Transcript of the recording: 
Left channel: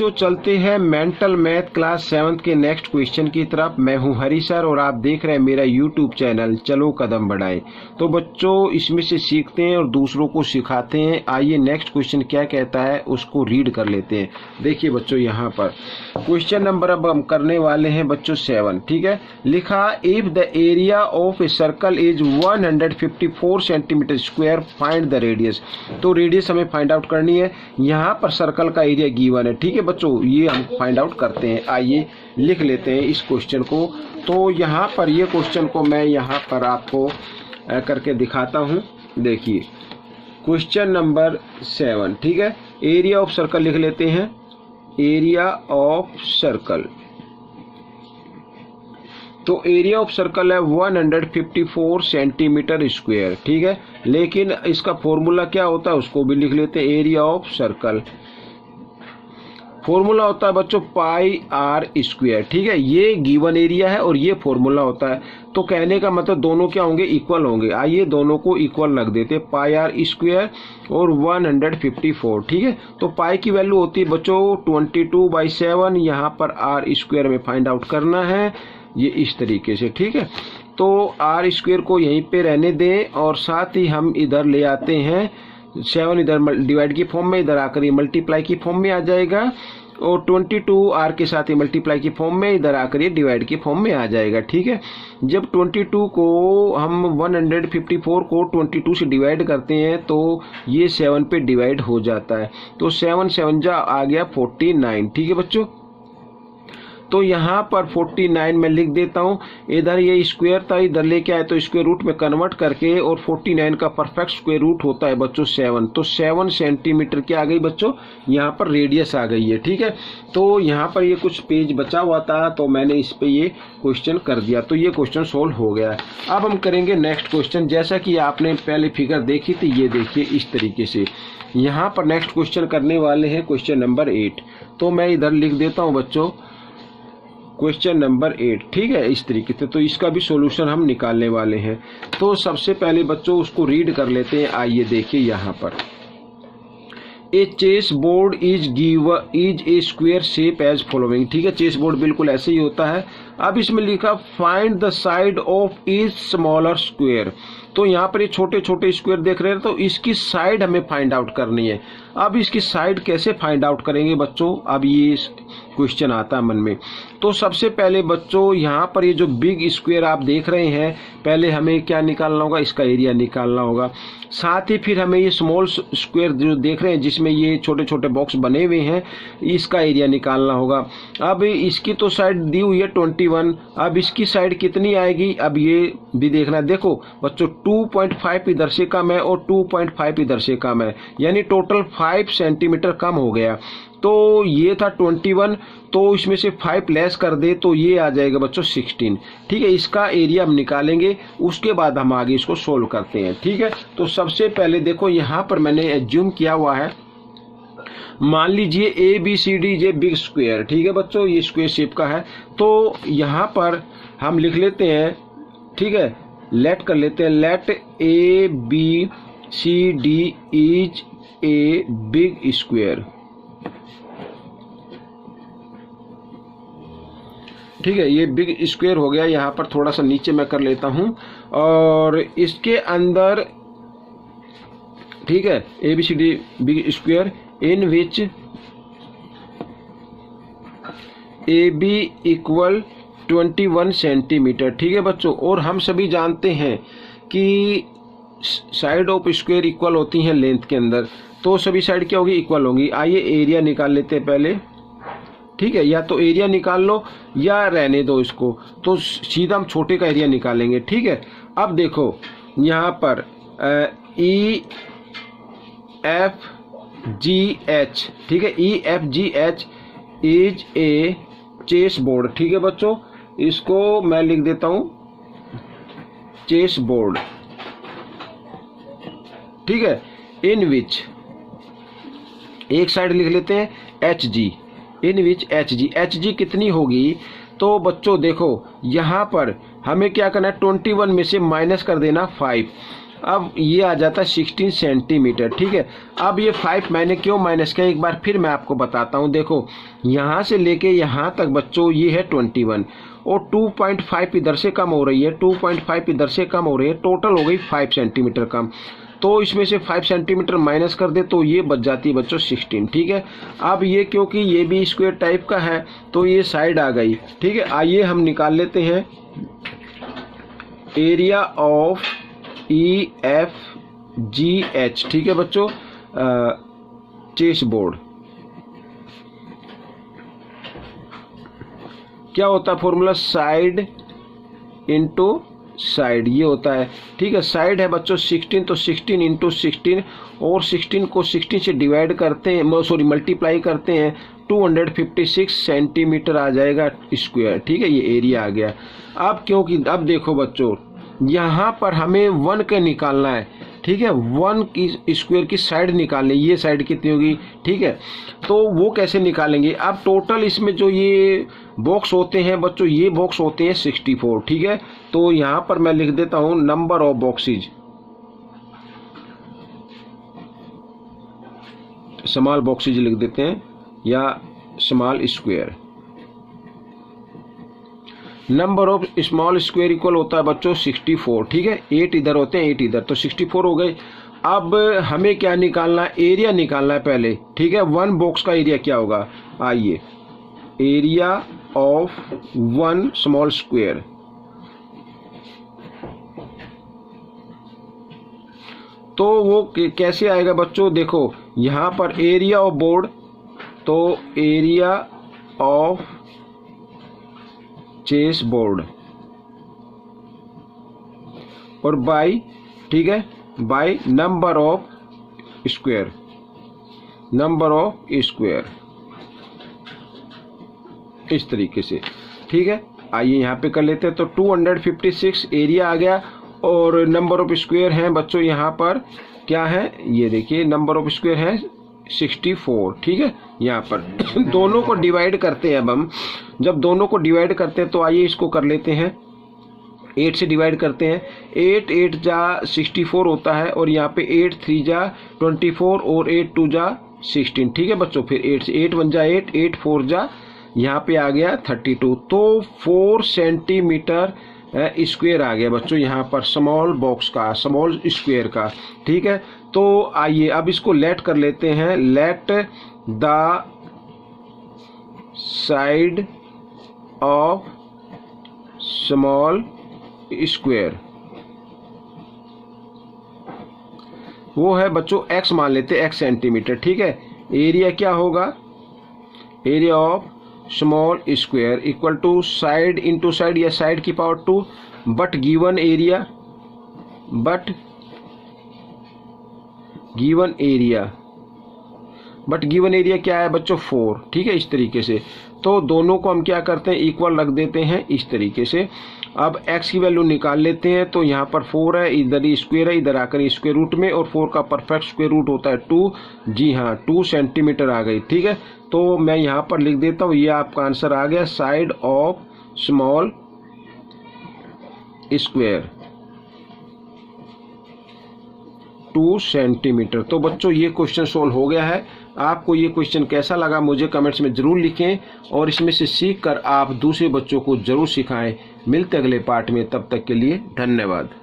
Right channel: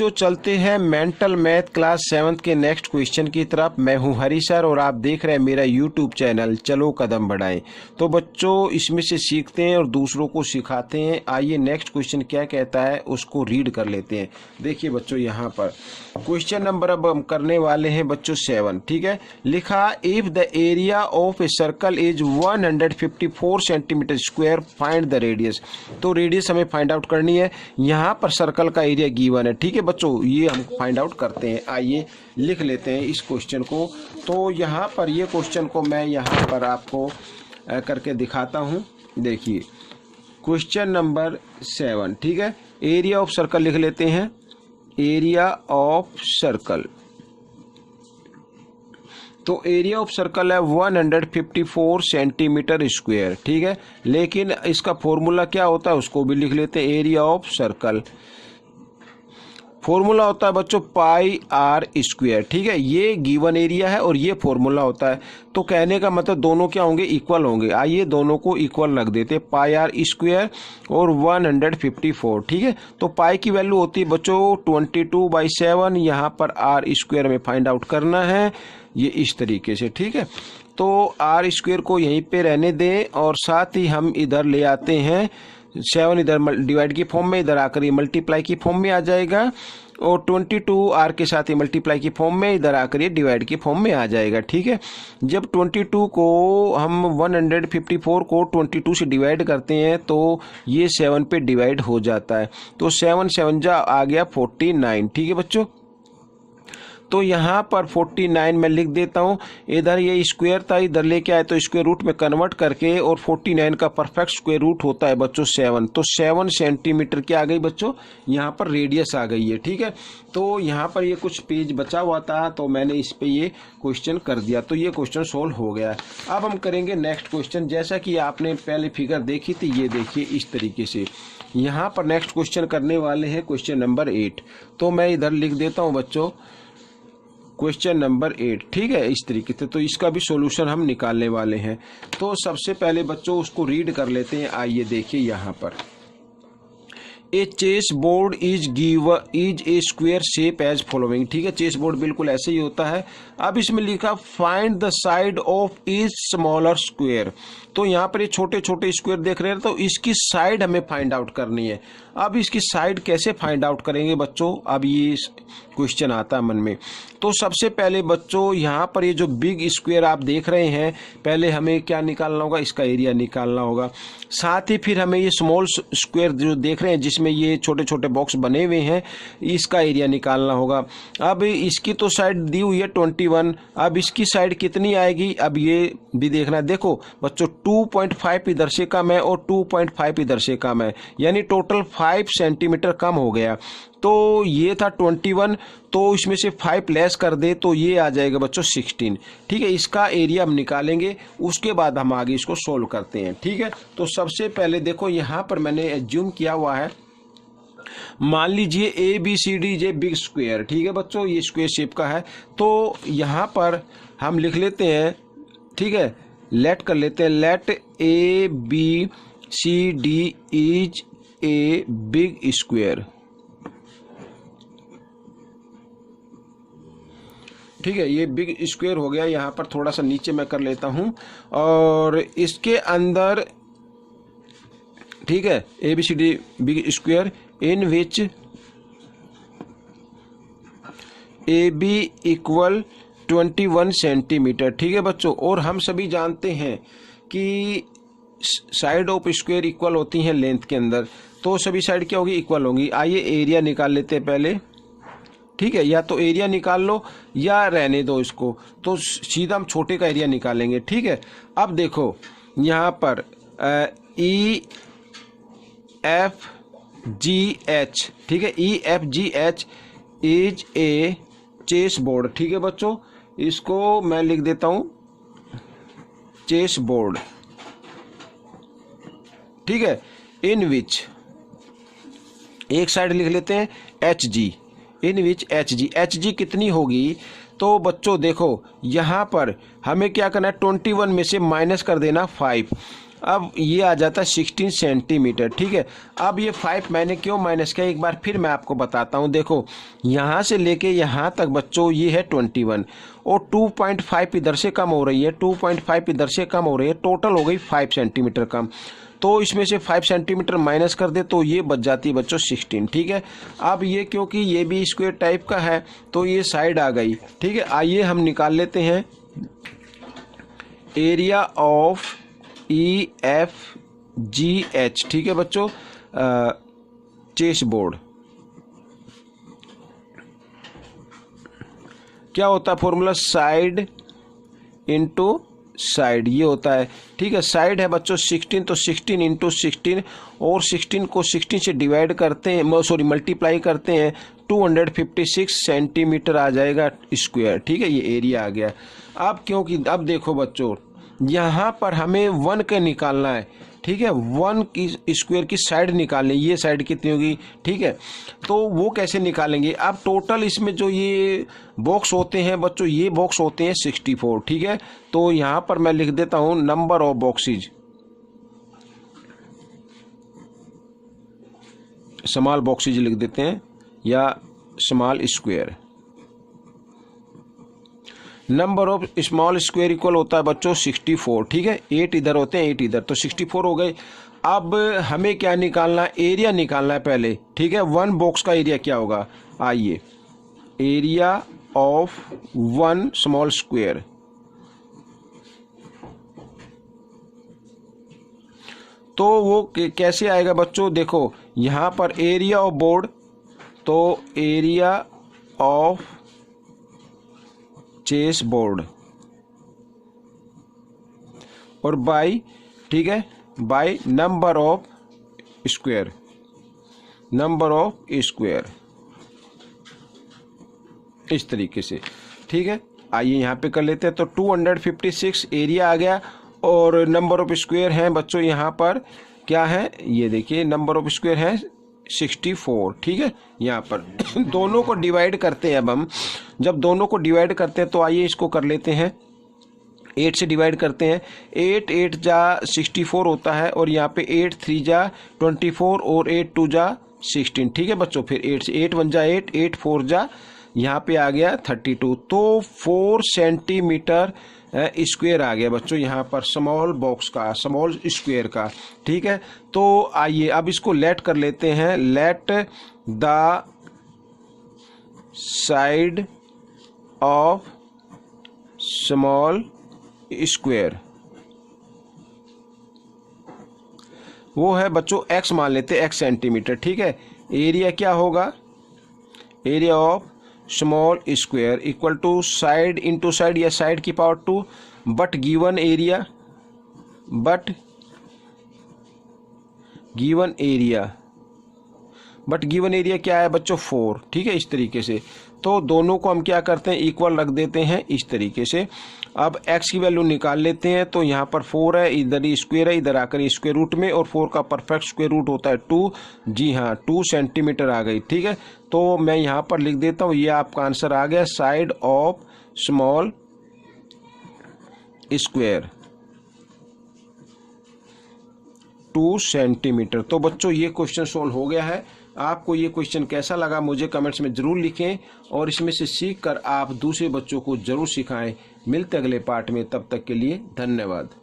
बच्चों चलते हैं मेंटल मैथ क्लास 7 के नेक्स्ट क्वेश्चन की तरफ। मैं हूं हरी सर और आप देख रहे हैं मेरा यूट्यूब चैनल चलो कदम बढ़ाएं। तो बच्चों इसमें से सीखते हैं और दूसरों को सिखाते हैं। आइए नेक्स्ट क्वेश्चन क्या कहता है उसको रीड कर लेते हैं। देखिए बच्चों यहाँ पर क्वेश्चन नंबर अब हम करने वाले हैं बच्चों 7। ठीक है, लिखा if the area of a circle is 154 centimetre square find the radius. तो रेडियस हमें फाइंड आउट करनी है। यहाँ पर सर्कल का एरिया गिवन है। ठीक है बच्चों, ये हम फाइंड आउट करते हैं। आइए लिख लेते हैं इस क्वेश्चन को। तो यहाँ पर ये क्वेश्चन को मैं यहाँ पर आपको करके दिखाता हूँ। देखिए क्वेश्चन नंबर 7। ठीक है, एरिया ऑफ सर्कल लिख लेते हैं। एरिया ऑफ सर्कल, तो एरिया ऑफ सर्कल है 154 सेंटीमीटर स्क्वायर। ठीक है, लेकिन इसका फॉर्मूला क्या होता है उसको भी लिख लेते हैं। एरिया ऑफ सर्कल फॉर्मूला होता है बच्चों पाई आर स्क्वायर। ठीक है, ये गिवन एरिया है और ये फॉर्मूला होता है। तो कहने का मतलब दोनों क्या होंगे, इक्वल होंगे। आइए दोनों को इक्वल रख देते हैं, पाई आर स्क्वायर और 154। ठीक है, तो पाई की वैल्यू होती है बच्चों 22/7। यहाँ पर आर स्क्वायर में फाइंड आउट करना है, ये इस तरीके से। ठीक है, तो आर स्क्वायर को यहीं पे रहने दें और साथ ही हम इधर ले आते हैं 7 इधर डिवाइड की फॉर्म में, इधर आकर ये मल्टीप्लाई की फॉर्म में आ जाएगा और 22 आर के साथ ही मल्टीप्लाई की फॉर्म में, इधर आकर ये डिवाइड की फॉर्म में आ जाएगा। ठीक है, जब 22 को हम 154 को 22 से डिवाइड करते हैं तो ये 7 पे डिवाइड हो जाता है। तो 7 7 जा आ गया 49। ठीक है बच्चों, तो यहाँ पर 49 में लिख देता हूँ। इधर ये स्क्वायर था, इधर लेके आए तो स्क्वायर रूट में कन्वर्ट करके, और 49 का परफेक्ट स्क्वायर रूट होता है बच्चों 7। तो 7 सेंटीमीटर क्या आ गई बच्चों, यहाँ पर रेडियस आ गई है। ठीक है, तो यहाँ पर ये कुछ पेज बचा हुआ था तो मैंने इस पे ये क्वेश्चन कर दिया। तो ये क्वेश्चन सोल्व हो गया है। अब हम करेंगे नेक्स्ट क्वेश्चन। जैसा कि आपने पहले फिगर देखी थी, ये देखिए इस तरीके से। यहाँ पर नेक्स्ट क्वेश्चन करने वाले हैं क्वेश्चन नंबर 8। तो मैं इधर लिख देता हूँ बच्चों क्वेश्चन नंबर 8। ठीक है, इस तरीके से। तो इसका भी सॉल्यूशन हम निकालने वाले हैं। तो सबसे पहले बच्चों उसको रीड कर लेते हैं। आइए देखिए यहाँ पर, a chess board is a square shape as following. ठीक है, चेस बोर्ड बिल्कुल ऐसे ही होता है। अब इसमें लिखा find the side of each smaller square. तो यहाँ पर ये छोटे छोटे स्क्वायर देख रहे हैं, तो इसकी साइड हमें फाइंड आउट करनी है। अब इसकी साइड कैसे फाइंड आउट करेंगे बच्चों, अब ये क्वेश्चन आता है मन में। तो सबसे पहले बच्चों यहाँ पर ये जो बिग स्क्वायर आप देख रहे हैं, पहले हमें क्या निकालना होगा, इसका एरिया निकालना होगा। साथ ही फिर हमें ये स्मॉल स्क्वायर जो देख रहे हैं जिसमें ये छोटे छोटे बॉक्स बने हुए हैं, इसका एरिया निकालना होगा। अब इसकी तो साइड दी हुई है 21। अब इसकी साइड कितनी आएगी, अब ये भी देखना। देखो बच्चों 2.5 इधर से कम है और 2.5 इधर से कम है, यानी टोटल 5 सेंटीमीटर कम हो गया। तो ये था 21, तो इसमें से 5 लेस कर दे तो ये आ जाएगा बच्चों 16। ठीक है, इसका एरिया हम निकालेंगे, उसके बाद हम आगे इसको सोल्व करते हैं। ठीक है, तो सबसे पहले देखो यहाँ पर मैंने एज्यूम किया हुआ है, मान लीजिए ABCD जे बिग स्क्वायर। ठीक है बच्चों, ये स्क्वायर शेप का है। तो यहाँ पर हम लिख लेते हैं, ठीक है, लेट कर लेते हैं, let ABCD is a big square. ठीक है, ये बिग स्क्वायर हो गया। यहाँ पर थोड़ा सा नीचे मैं कर लेता हूँ और इसके अंदर, ठीक है, ABCD बिग स्क्वायर इन विच AB इक्वल 21 सेंटीमीटर। ठीक है बच्चों, और हम सभी जानते हैं कि साइड ऑफ स्क्वायर इक्वल होती हैं लेंथ के अंदर, तो सभी साइड क्या होगी, इक्वल होंगी। आइए एरिया निकाल लेते हैं पहले। ठीक है, या तो एरिया निकाल लो या रहने दो इसको, तो सीधा हम छोटे का एरिया निकालेंगे। ठीक है, अब देखो यहाँ पर EFGH, ठीक है, EFGH is a chess board. ठीक है बच्चों, इसको मैं लिख देता हूँ चेस बोर्ड। ठीक है, इन विच एक साइड लिख लेते हैं HG, इन विच HG कितनी होगी। तो बच्चों देखो यहाँ पर हमें क्या करना है, 21 में से माइनस कर देना 5। अब ये आ जाता है 16 सेंटीमीटर, ठीक है। अब ये 5 मैंने क्यों माइनस किया, एक बार फिर मैं आपको बताता हूँ। देखो यहाँ से लेके यहाँ तक बच्चों ये है 21 और 2.5 इधर से कम हो रही है, 2.5 इधर से कम हो रही है, टोटल हो गई 5 सेंटीमीटर कम। तो इसमें से 5 सेंटीमीटर माइनस कर दे तो ये बच जाती है बच्चों 16, ठीक है। अब ये क्योंकि ये भी स्क्वायर टाइप का है तो ये साइड आ गई, ठीक है। आइए हम निकाल लेते हैं एरिया ऑफ EFGH, ठीक है बच्चों, चेस बोर्ड। क्या होता है फॉर्मूला, साइड इंटू साइड, ये होता है, ठीक है। साइड है बच्चों 16 तो 16 इंटू 16 और 16 को 16 से डिवाइड करते हैं, सॉरी मल्टीप्लाई करते हैं, 256 सेंटीमीटर आ जाएगा स्क्वायर, ठीक है। ये एरिया आ गया। अब क्योंकि अब देखो बच्चों यहाँ पर हमें 1 का निकालना है, ठीक है। 1 की स्क्वायर की साइड निकालनी, ये साइड कितनी होगी, ठीक है। तो वो कैसे निकालेंगे, अब टोटल इसमें जो ये बॉक्स होते हैं बच्चों, ये बॉक्स होते हैं 64, ठीक है। तो यहाँ पर मैं लिख देता हूँ number of boxes, small boxes लिख देते हैं या small square. Number of small square equal होता है बच्चों 64, ठीक है। 8 इधर होते हैं 8 इधर, तो 64 हो गए। अब हमें क्या निकालना है, एरिया निकालना है पहले, ठीक है। 1 बॉक्स का एरिया क्या होगा, आइए, एरिया ऑफ 1 स्मॉल स्क्वायर, तो वो कैसे आएगा बच्चों, देखो यहाँ पर एरिया ऑफ बोर्ड, तो एरिया ऑफ चेस बोर्ड और बाई, ठीक है, by number of square, number of square, इस तरीके से, ठीक है। आइए यहाँ पे कर लेते हैं, तो 256 एरिया आ गया और नंबर ऑफ स्क्वायर हैं बच्चों यहाँ पर क्या है, ये देखिए नंबर ऑफ स्क्वायर है 64, ठीक है। यहाँ पर दोनों को डिवाइड करते हैं, अब हम जब दोनों को डिवाइड करते हैं तो आइए इसको कर लेते हैं, 8 से डिवाइड करते हैं, 8 8 जा 64 होता है और यहाँ पे 8 3 जा 24 और 8 2 जा 16, ठीक है बच्चों। फिर 8 से 8 1 जा 8, 8 4 जा यहाँ पे आ गया 32, तो 4 सेंटीमीटर स्क्वायर आ गया बच्चों यहाँ पर स्मॉल बॉक्स का, स्मॉल स्क्वायर का, ठीक है। तो आइए अब इसको लेट कर लेते हैं, let the side of small square, वो है बच्चों x मान लेते हैं, x सेंटीमीटर, ठीक है। एरिया क्या होगा, area of small square equal to side into side या साइड की power 2 but given area, but given area क्या है बच्चों 4, ठीक है, इस तरीके से। तो दोनों को हम क्या करते हैं, इक्वल रख देते हैं इस तरीके से। अब x की वैल्यू निकाल लेते हैं, तो यहाँ पर 4 है, इधर ही स्क्वायर है, इधर आकर स्क्वायर रूट में, और 4 का परफेक्ट स्क्वायर रूट होता है 2, जी हाँ 2 सेंटीमीटर आ गई, ठीक है। तो मैं यहाँ पर लिख देता हूँ, ये आपका आंसर आ गया, side of small square 2 centimetre. तो बच्चों ये क्वेश्चन सोल्व हो गया है। आपको ये क्वेश्चन कैसा लगा मुझे कमेंट्स में ज़रूर लिखें और इसमें से सीख कर आप दूसरे बच्चों को ज़रूर सिखाएं। मिलते अगले पार्ट में, तब तक के लिए धन्यवाद।